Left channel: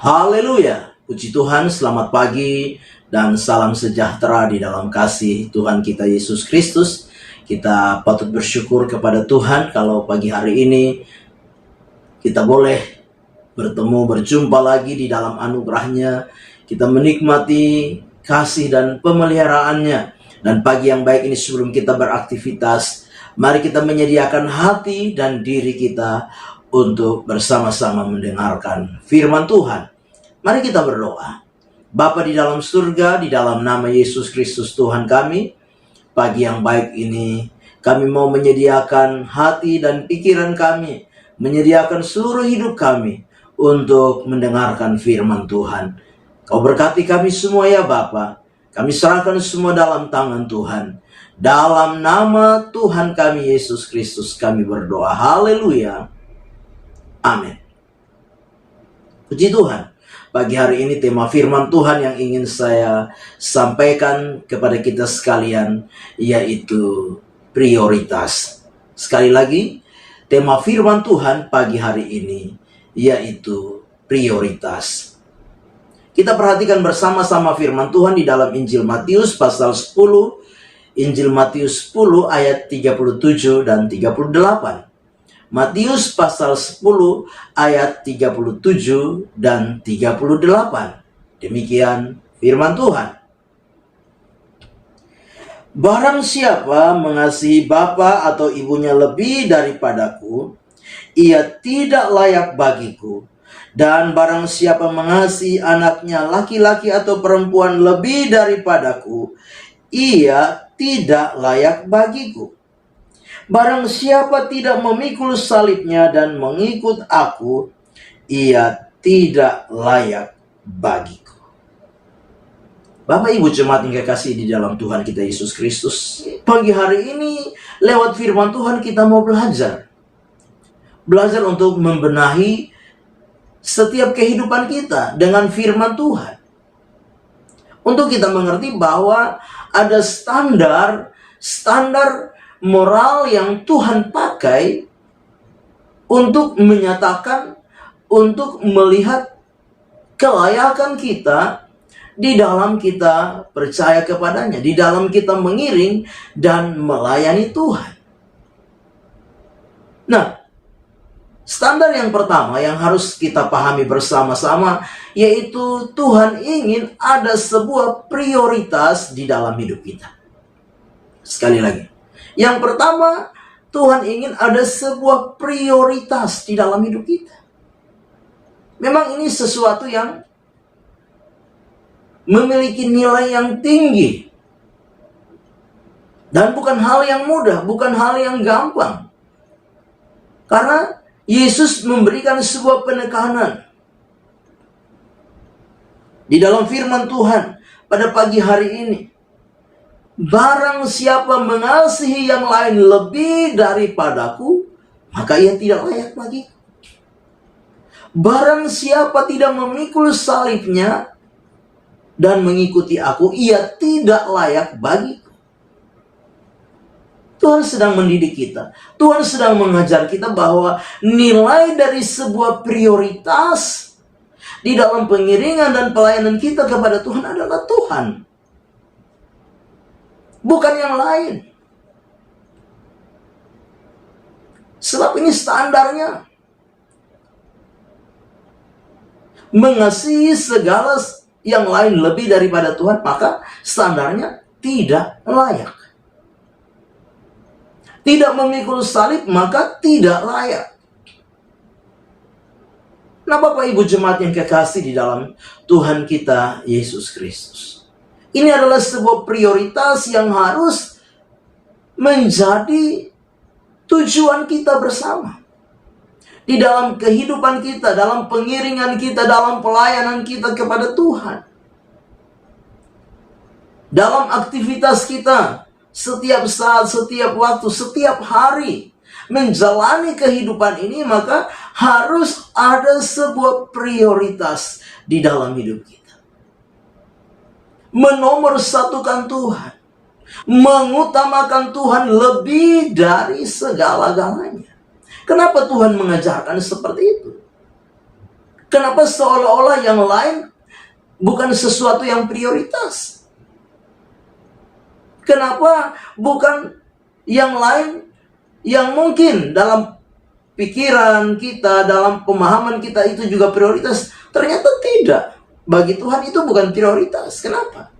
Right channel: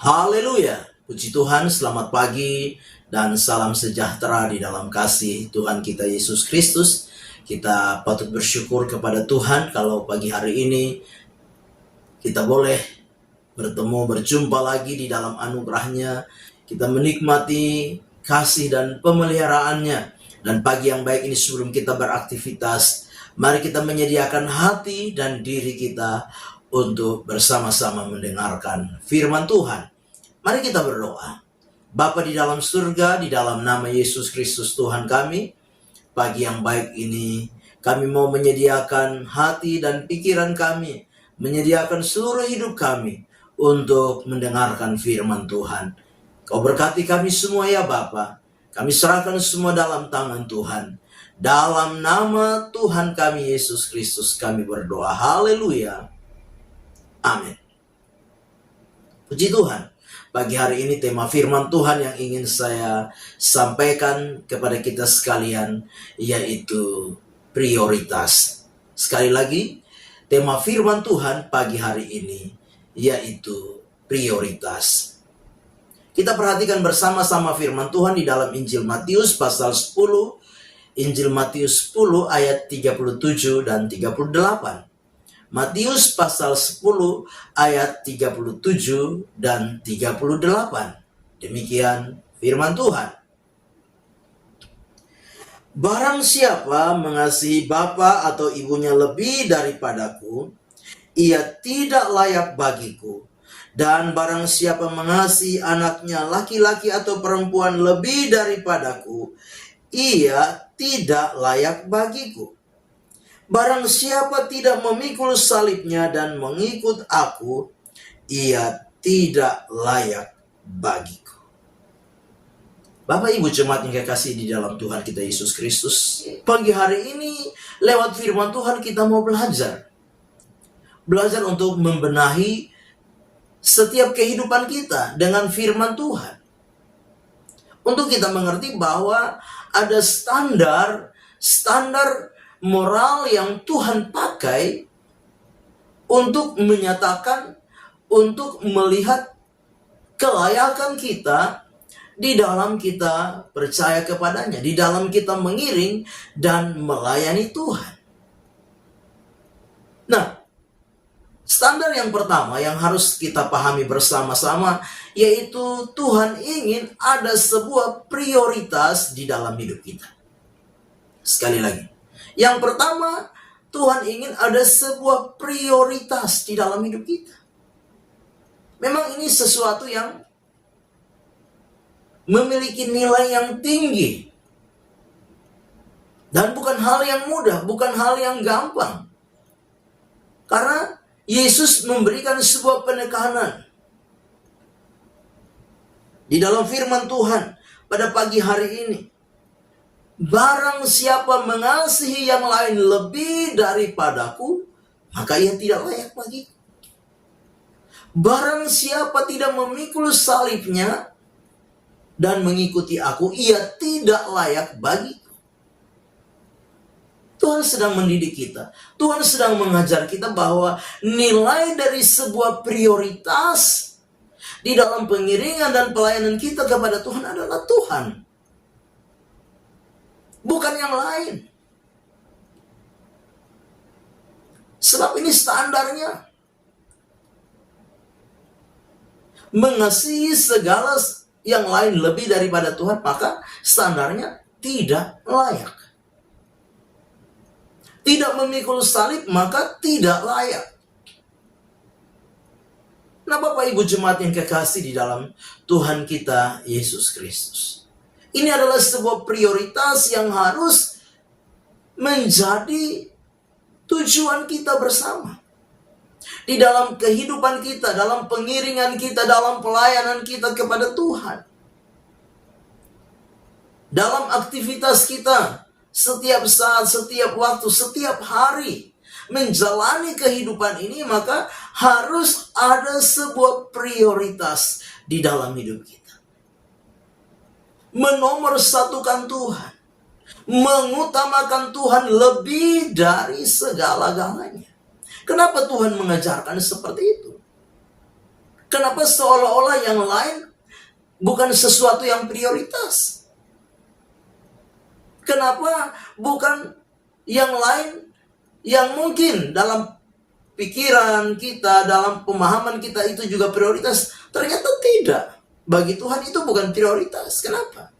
Haleluya, puji Tuhan, selamat pagi dan salam sejahtera di dalam kasih Tuhan kita Yesus Kristus. Kita patut bersyukur kepada Tuhan kalau pagi hari ini kita boleh berjumpa lagi di dalam anugerahnya. Kita menikmati kasih dan pemeliharaannya. Dan pagi yang baik ini sebelum kita beraktivitas, mari kita menyediakan hati dan diri kita untuk bersama-sama mendengarkan firman Tuhan. Mari kita berdoa. Bapa di dalam surga, di dalam nama Yesus Kristus Tuhan kami, pagi yang baik ini kami mau menyediakan hati dan pikiran kami, menyediakan seluruh hidup kami untuk mendengarkan firman Tuhan. Kau berkati kami semua ya Bapa. Kami serahkan semua dalam tangan Tuhan. Dalam nama Tuhan kami Yesus Kristus kami berdoa. Haleluya. Amin. Puji Tuhan. Pagi hari ini tema firman Tuhan yang ingin saya sampaikan kepada kita sekalian yaitu prioritas. Sekali lagi, tema firman Tuhan pagi hari ini yaitu prioritas. Kita perhatikan bersama-sama firman Tuhan di dalam Injil Matius pasal 10. Injil Matius 10 ayat 37 dan 38. Matius pasal 10 ayat 37 dan 38. Demikian firman Tuhan. Barang siapa mengasihi bapa atau ibunya lebih daripadaku, ia tidak layak bagiku. Dan barang siapa mengasihi anaknya laki-laki atau perempuan lebih daripadaku, ia tidak layak bagiku. Barang siapa tidak memikul salibnya dan mengikut aku, ia tidak layak bagiku. Bapak Ibu jemaat yang kekasih di dalam Tuhan kita Yesus Kristus, pagi hari ini lewat firman Tuhan kita mau belajar. Belajar untuk membenahi setiap kehidupan kita dengan firman Tuhan. Untuk kita mengerti bahwa ada standar moral yang Tuhan pakai untuk menyatakan, untuk melihat kelayakan kita di dalam kita percaya kepadanya, di dalam kita mengiring dan melayani Tuhan. Nah, standar yang pertama yang harus kita pahami bersama-sama yaitu Tuhan ingin ada sebuah prioritas di dalam hidup kita. Sekali lagi. Yang pertama, Tuhan ingin ada sebuah prioritas di dalam hidup kita. Memang ini sesuatu yang memiliki nilai yang tinggi. Dan bukan hal yang mudah, bukan hal yang gampang. Karena Yesus memberikan sebuah penekanan. Di dalam firman Tuhan pada pagi hari ini. Barang siapa mengasihi yang lain lebih daripadaku, maka ia tidak layak bagiku. Barang siapa tidak memikul salibnya dan mengikuti aku, ia tidak layak bagiku. Tuhan sedang mendidik kita. Tuhan sedang mengajar kita bahwa nilai dari sebuah prioritas di dalam pengiringan dan pelayanan kita kepada Tuhan adalah Tuhan. Bukan yang lain. Sebab ini standarnya. Mengasihi segala yang lain lebih daripada Tuhan, maka standarnya tidak layak. Tidak memikul salib, maka tidak layak. Nah, Bapak Ibu jemaat yang kekasih di dalam Tuhan kita Yesus Kristus. Ini adalah sebuah prioritas yang harus menjadi tujuan kita bersama. Di dalam kehidupan kita, dalam pengiringan kita, dalam pelayanan kita kepada Tuhan. Dalam aktivitas kita, setiap saat, setiap waktu, setiap hari menjalani kehidupan ini, maka harus ada sebuah prioritas di dalam hidup kita. Menomorsatukan Tuhan, mengutamakan Tuhan lebih dari segala-galanya. Kenapa Tuhan mengajarkan seperti itu? Kenapa seolah-olah yang lain bukan sesuatu yang prioritas? Kenapa bukan yang lain yang mungkin dalam pikiran kita, dalam pemahaman kita itu juga prioritas? Ternyata tidak. Bagi Tuhan itu bukan prioritas. Kenapa?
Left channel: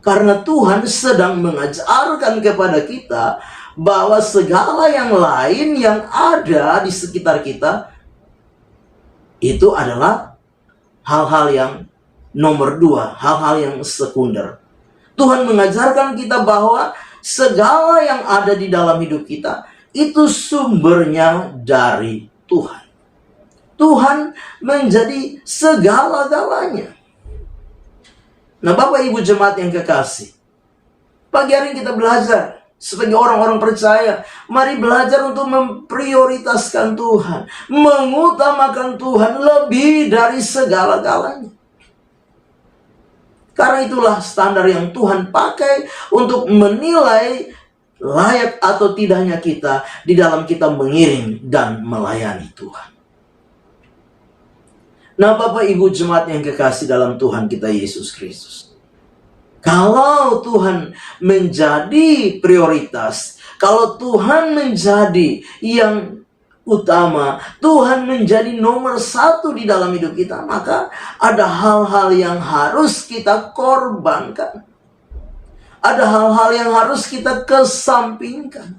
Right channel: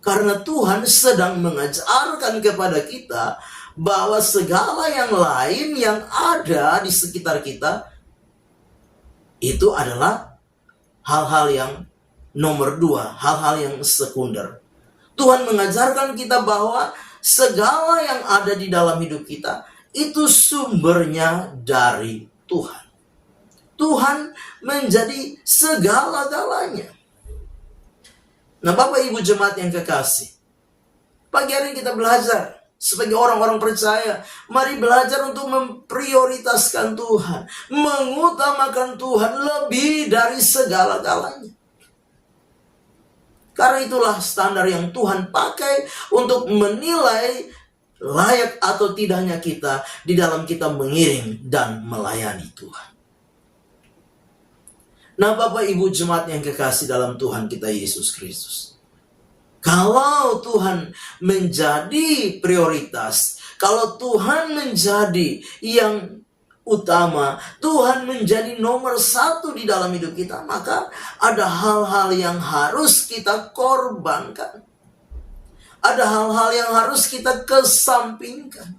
Karena Tuhan sedang mengajarkan kepada kita bahwa segala yang lain yang ada di sekitar kita itu adalah hal-hal yang nomor dua, hal-hal yang sekunder. Tuhan mengajarkan kita bahwa segala yang ada di dalam hidup kita itu sumbernya dari Tuhan. Tuhan menjadi segala-galanya. Nah, Bapak Ibu jemaat yang kekasih, pagi hari ini kita belajar sebagai orang-orang percaya. Mari belajar untuk memprioritaskan Tuhan, mengutamakan Tuhan lebih dari segala-galanya. Karena itulah standar yang Tuhan pakai untuk menilai layak atau tidaknya kita di dalam kita mengiring dan melayani Tuhan. Nah, Bapak Ibu jemaat yang kekasih dalam Tuhan kita Yesus Kristus, kalau Tuhan menjadi prioritas, kalau Tuhan menjadi yang utama, Tuhan menjadi nomor satu di dalam hidup kita, maka ada hal-hal yang harus kita korbankan. Ada hal-hal yang harus kita kesampingkan.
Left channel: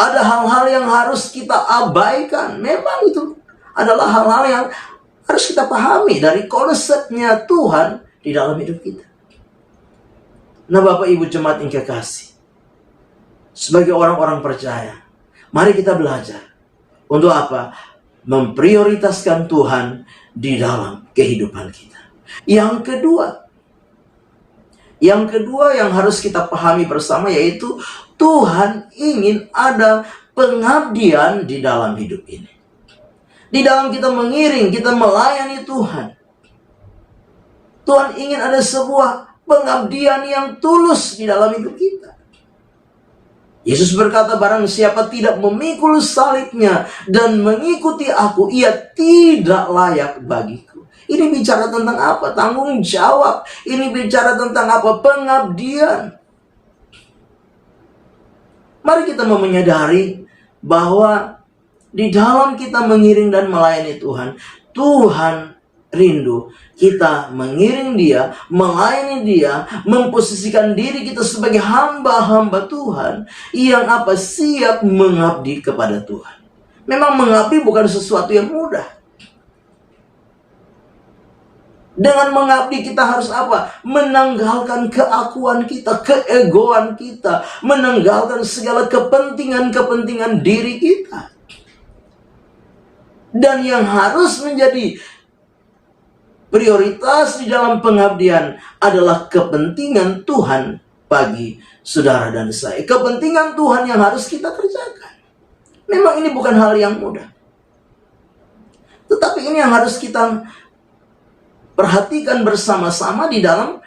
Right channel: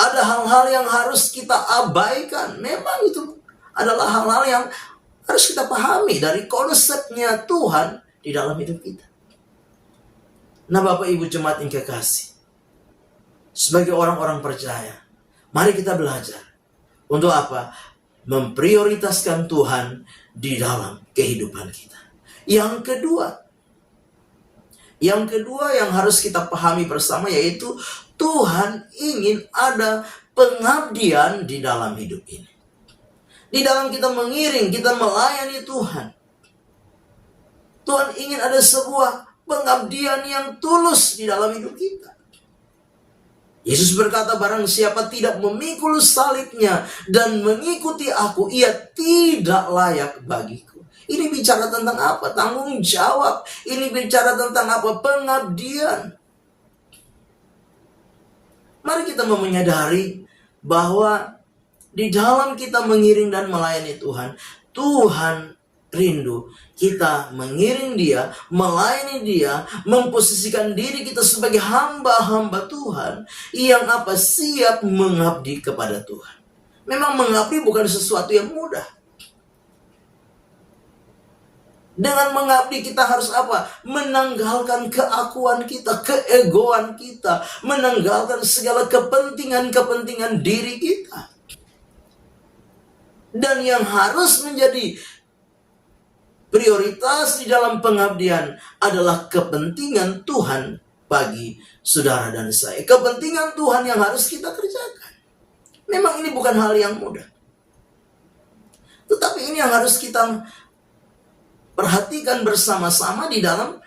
Ada hal-hal yang harus kita abaikan. Memang itu adalah hal-hal yang harus kita pahami dari konsepnya Tuhan di dalam hidup kita. Nah, Bapak Ibu jemaat yang kekasih, sebagai orang-orang percaya, mari kita belajar untuk apa? Memprioritaskan Tuhan di dalam kehidupan kita. Yang kedua yang harus kita pahami bersama yaitu Tuhan ingin ada pengabdian di dalam hidup ini. Di dalam kita mengiring, kita melayani Tuhan. Tuhan ingin ada sebuah pengabdian yang tulus di dalam hidup kita. Yesus berkata, barang siapa tidak memikul salibnya dan mengikuti aku, ia tidak layak bagiku. Ini bicara tentang apa? Tanggung jawab. Ini bicara tentang apa? Pengabdian. Mari kita menyadari bahwa di dalam kita mengiring dan melayani Tuhan, Tuhan rindu kita mengiring Dia, melayani Dia, memposisikan diri kita sebagai hamba-hamba Tuhan yang apa? Siap mengabdi kepada Tuhan. Memang mengabdi bukan sesuatu yang mudah. Dengan mengabdi kita harus apa? Menanggalkan keakuan kita, keegoan kita, menanggalkan segala kepentingan-kepentingan diri kita. Dan yang harus menjadi prioritas di dalam pengabdian adalah kepentingan Tuhan bagi saudara dan saya. Kepentingan Tuhan yang harus kita kerjakan. Memang ini bukan hal yang mudah. Tetapi ini yang harus kita perhatikan bersama-sama di dalam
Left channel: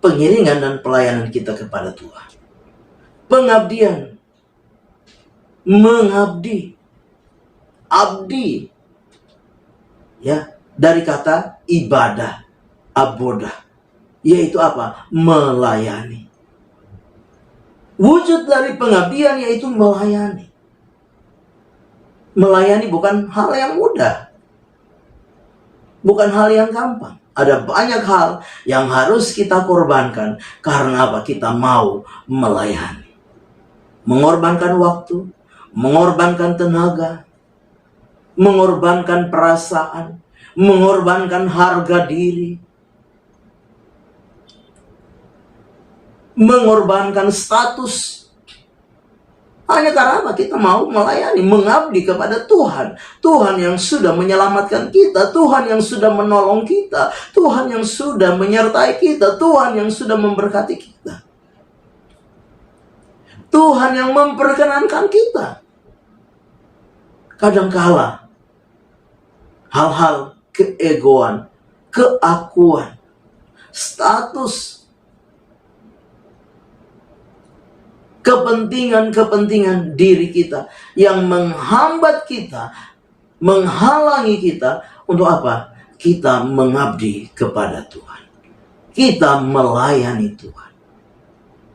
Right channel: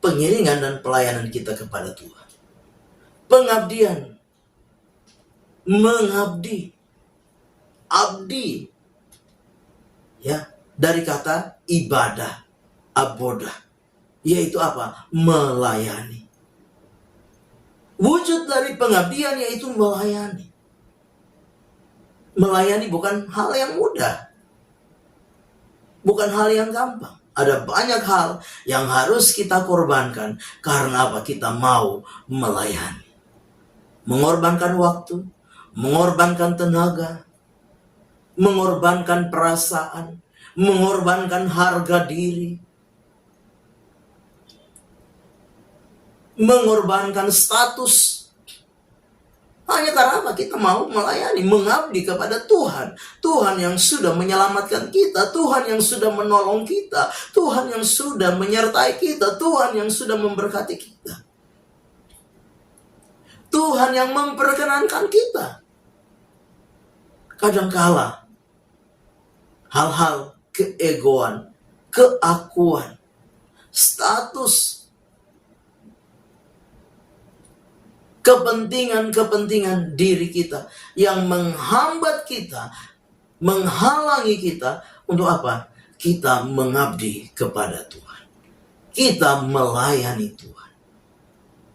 pengiringan dan pelayanan kita kepada Tuhan. Pengabdian. Mengabdi. Abdi. Ya, dari kata ibadah, abodah, yaitu apa? Melayani. Wujud dari pengabdian yaitu melayani. Melayani bukan hal yang mudah. Bukan hal yang gampang. Ada banyak hal yang harus kita korbankan. Karena apa? Kita mau melayani. Mengorbankan waktu, mengorbankan tenaga, mengorbankan perasaan, mengorbankan harga diri, mengorbankan status. Hanya karena apa? Kita mau melayani, mengabdi kepada Tuhan. Tuhan yang sudah menyelamatkan kita, Tuhan yang sudah menolong kita, Tuhan yang sudah menyertai kita, Tuhan yang sudah memberkati kita, Tuhan yang memperkenankan kita. Kadangkala hal-hal keegoan, keakuan, status, kepentingan-kepentingan diri kita yang menghambat kita menghalangi kita untuk apa? Kita mengabdi kepada Tuhan. Kita melayani Tuhan.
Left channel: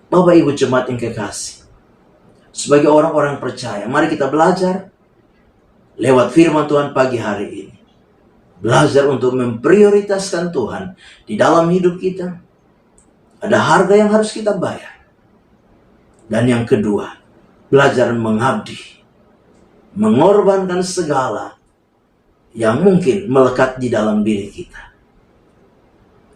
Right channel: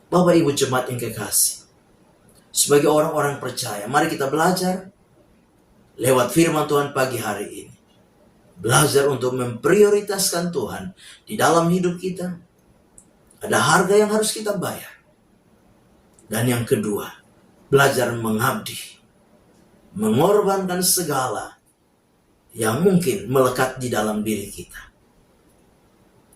Bapak Ibu jemaat yang kekasih, sebagai orang-orang percaya, mari kita belajar lewat firman Tuhan pagi hari ini. Belajar untuk memprioritaskan Tuhan di dalam hidup kita. Ada harga yang harus kita bayar. Dan yang kedua, belajar mengabdi. Mengorbankan segala yang mungkin melekat di dalam diri kita.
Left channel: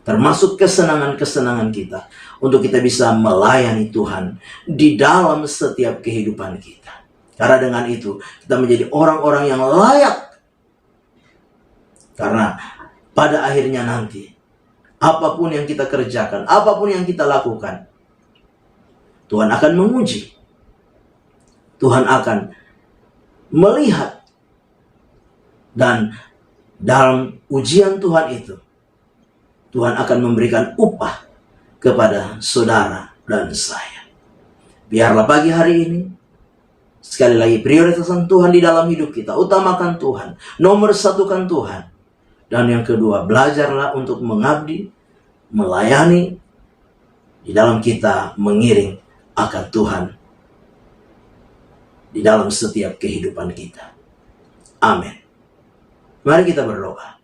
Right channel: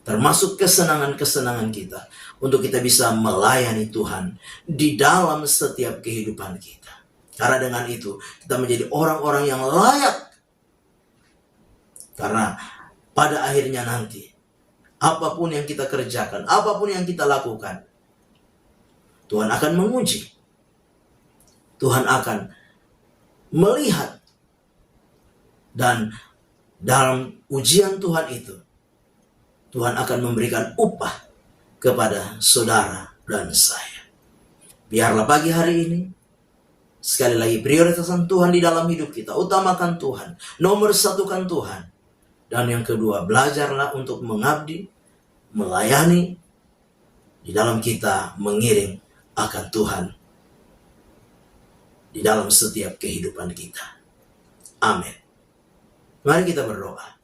Termasuk kesenangan-kesenangan kita. Untuk kita bisa melayani Tuhan di dalam setiap kehidupan kita. Karena dengan itu kita menjadi orang-orang yang layak. Karena pada akhirnya nanti, apapun yang kita kerjakan, apapun yang kita lakukan, Tuhan akan menguji. Tuhan akan melihat. Dan dalam ujian Tuhan itu, Tuhan akan memberikan upah kepada saudara dan saya. Biarlah pagi hari ini, sekali lagi prioritaskan Tuhan di dalam hidup kita. Utamakan Tuhan, nomor satukan Tuhan. Dan yang kedua, belajarlah untuk mengabdi, melayani, di dalam kita mengiring akan Tuhan di dalam setiap kehidupan kita. Amin. Mari kita berdoa.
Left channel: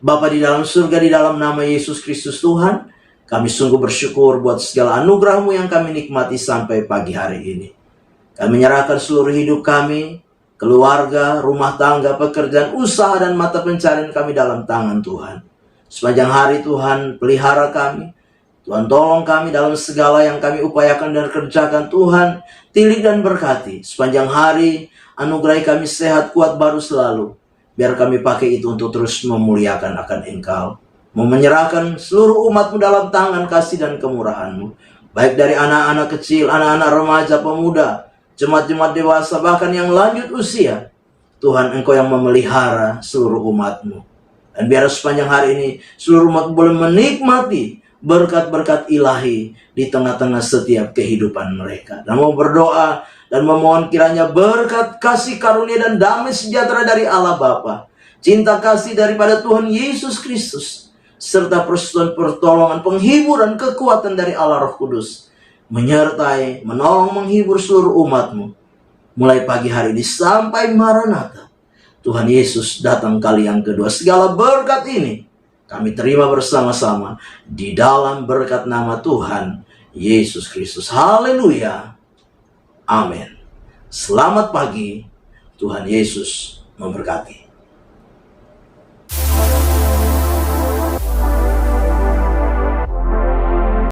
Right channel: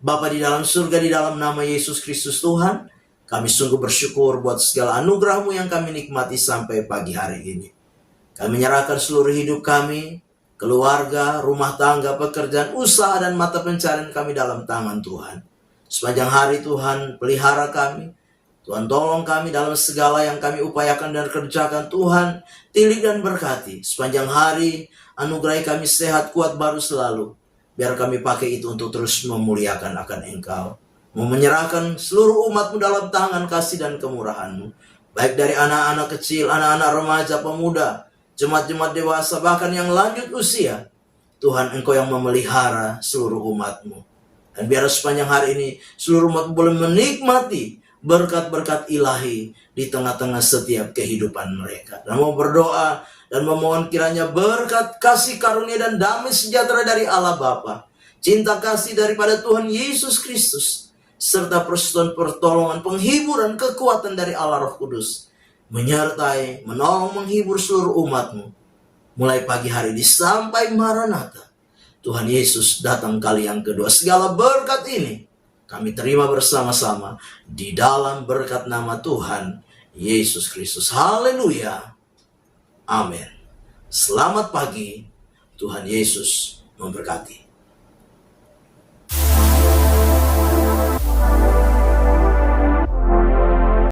Bapa di dalam surga, di dalam nama Yesus Kristus Tuhan, kami sungguh bersyukur buat segala anugerah-Mu yang kami nikmati sampai pagi hari ini. Kami menyerahkan seluruh hidup kami, keluarga, rumah tangga, pekerjaan, usaha, dan mata pencarian kami dalam tangan Tuhan. Sepanjang hari Tuhan pelihara kami. Tuhan tolong kami dalam segala yang kami upayakan dan kerjakan. Tuhan tilik dan berkati. Sepanjang hari anugerahi kami sehat, kuat, baru selalu. Biar kami pakai itu untuk terus memuliakan akan Engkau. Menyerahkan seluruh umat-Mu dalam tangan kasih dan kemurahan-Mu. Baik dari anak-anak kecil, anak-anak remaja, pemuda, jemaat-jemaat dewasa, bahkan yang lanjut usia. Tuhan, Engkau yang memelihara seluruh umat-Mu. Dan biar sepanjang hari ini seluruh umat boleh menikmati berkat-berkat ilahi di tengah-tengah setiap kehidupan mereka. Dan mau berdoa dan memohon kiranya berkat, kasih karunia, dan damai sejahtera dari Allah Bapa, cinta kasih daripada Tuhan Yesus Kristus, serta persekutuan pertolongan, penghiburan, kekuatan dari Allah Roh Kudus, menyertai, menolong, menghibur seluruh umat-Mu, mulai pagi hari ini sampai Maranatha. Tuhan Yesus datang kali yang kedua. Segala berkat ini kami terima bersama-sama di dalam berkat nama Tuhan Yesus Kristus. Haleluya. Amin. Selamat pagi. Tuhan Yesus memberkati.